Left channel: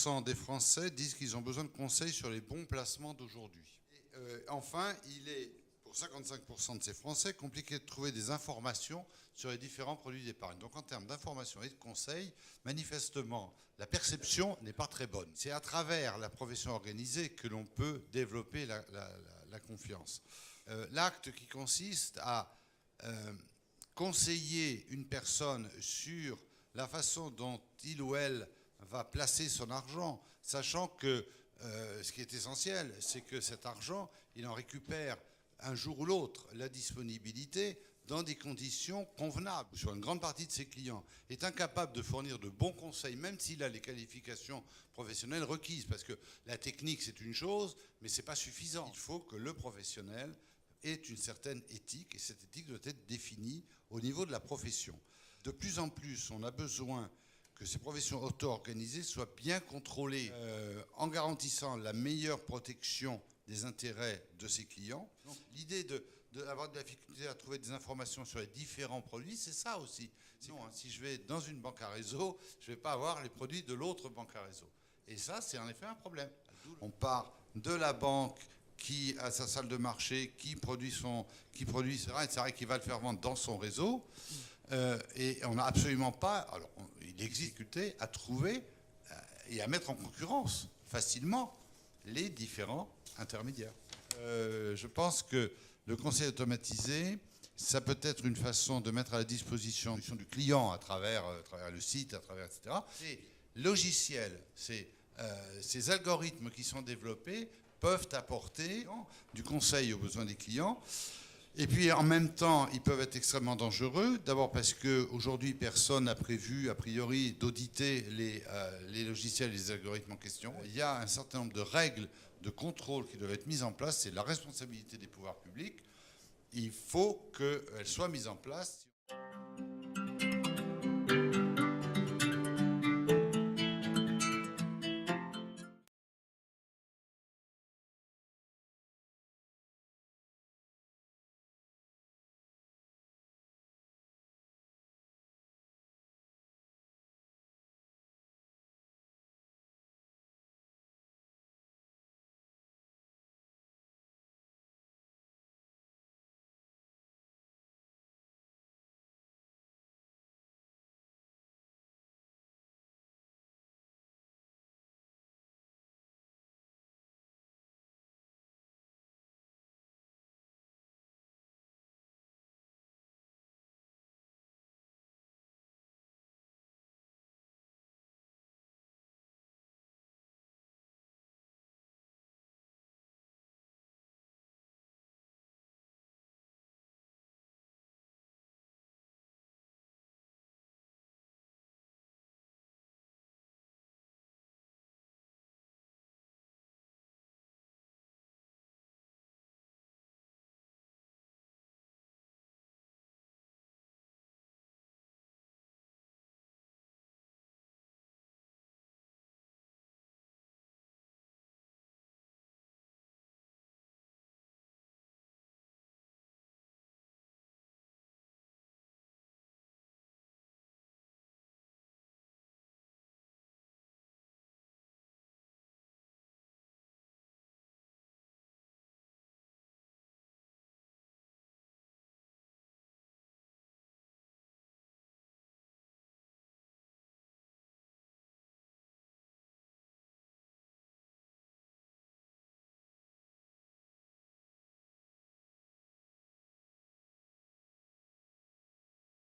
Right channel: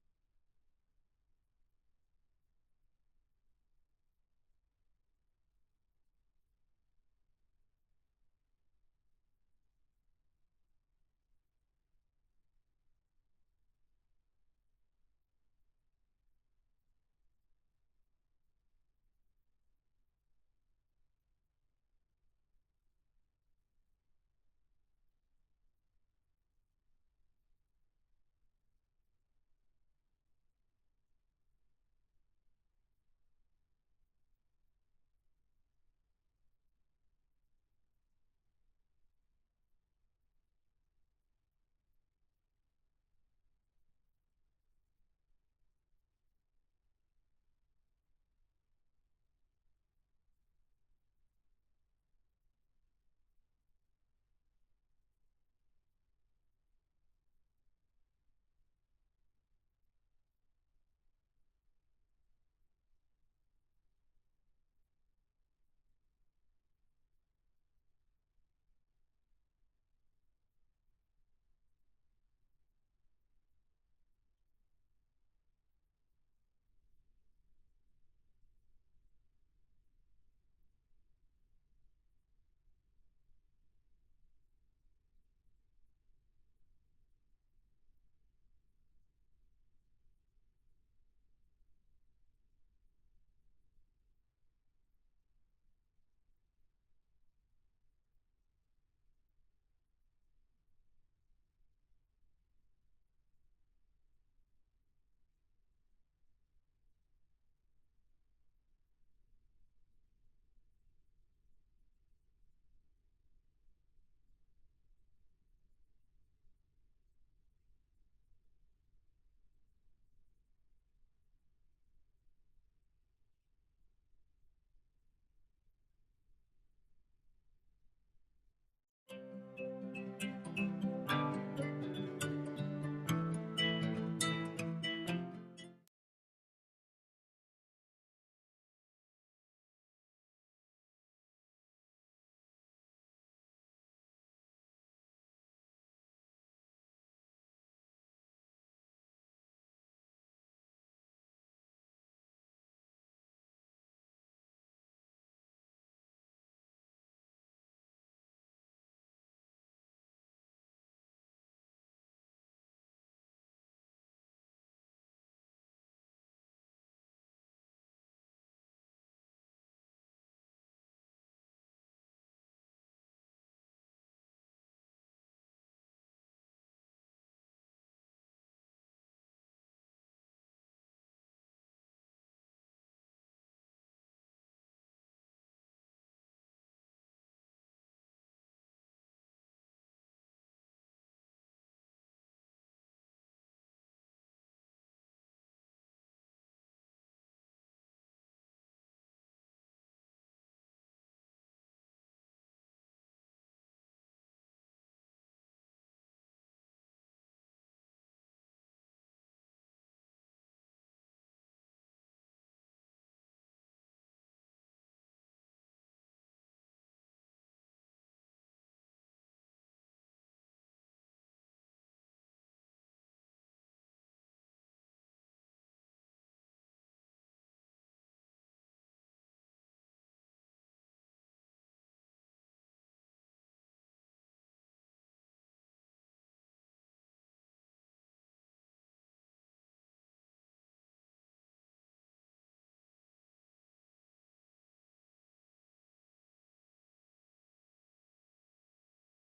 50% des Français disent qu'ils ont besoin de conseils sur les bons placements d'aujourd'hui. Enfin, il est, pour 55% de ces Français, compliqué de trouver des informations sur les différents produits d'épargne. Donc en termes d'information et de conseils, manifestement, la perception n'est pas très bonne. C'est à travers la profession organisée que l'on peut développer la confiance. L'acte qui consiste à conseiller une personne sur la façon dont il ou elle va placer son argent, sachant que ce qui est essentiel, c'est que cet argent, il en récupère un jour ou l'autre la disponibilité dans des conditions convenables. Sur une grande partie de ses clients, est incapable de fournir de bons conseils, même s'il a les qualifications professionnelles requises, parce que la technique, c'est une chose, mais ce n'est pas suffisant. Il faut que le professionnel ait une certaine éthique, et cette éthique doit être définie au niveau de la profession. De plus en plus, on a besoin que ces professions auto-organisées soient bien contrôlées en garantissant la meilleure protection des intérêts de ses clients. Donc, l'idée d'avoir de la difficulté à trouver des informations sur les différents produits, c'est ça aussi. Non, hein, si je vais dans une banque à réseau, je ne vais pas avoir les produits de l'autre banque à réseau. Et ça, c'est en effet un problème. On part de la banque qui a sa salle de marché, qui produit, etc., qui va le faire vendre dans son réseau. Et on n'a absolument pas, alors il existe difficulté à trouver et à mettre en concurrence facilement les différents intermédiaires. Je pense que le conseil automatisé, ça peut être une façon de mettre à la disposition du client à travers le site, à travers, etc. Ces logiciels, ces algorithmes qui sont développés peuvent apporter du conseil aux besoins des clients. Et puis en même temps, ils peuvent être extrêmement dangereux. D'abord parce qu'aujourd'hui, personne n'a prévu, a priori, d'auditer les logiciels et les algorithmes en question. Il y a un certain nombre de règles de contrôle qui doivent être mises en place. C'est la responsabilité des pouvoirs publics. Il faut qu'elles soient mises en place.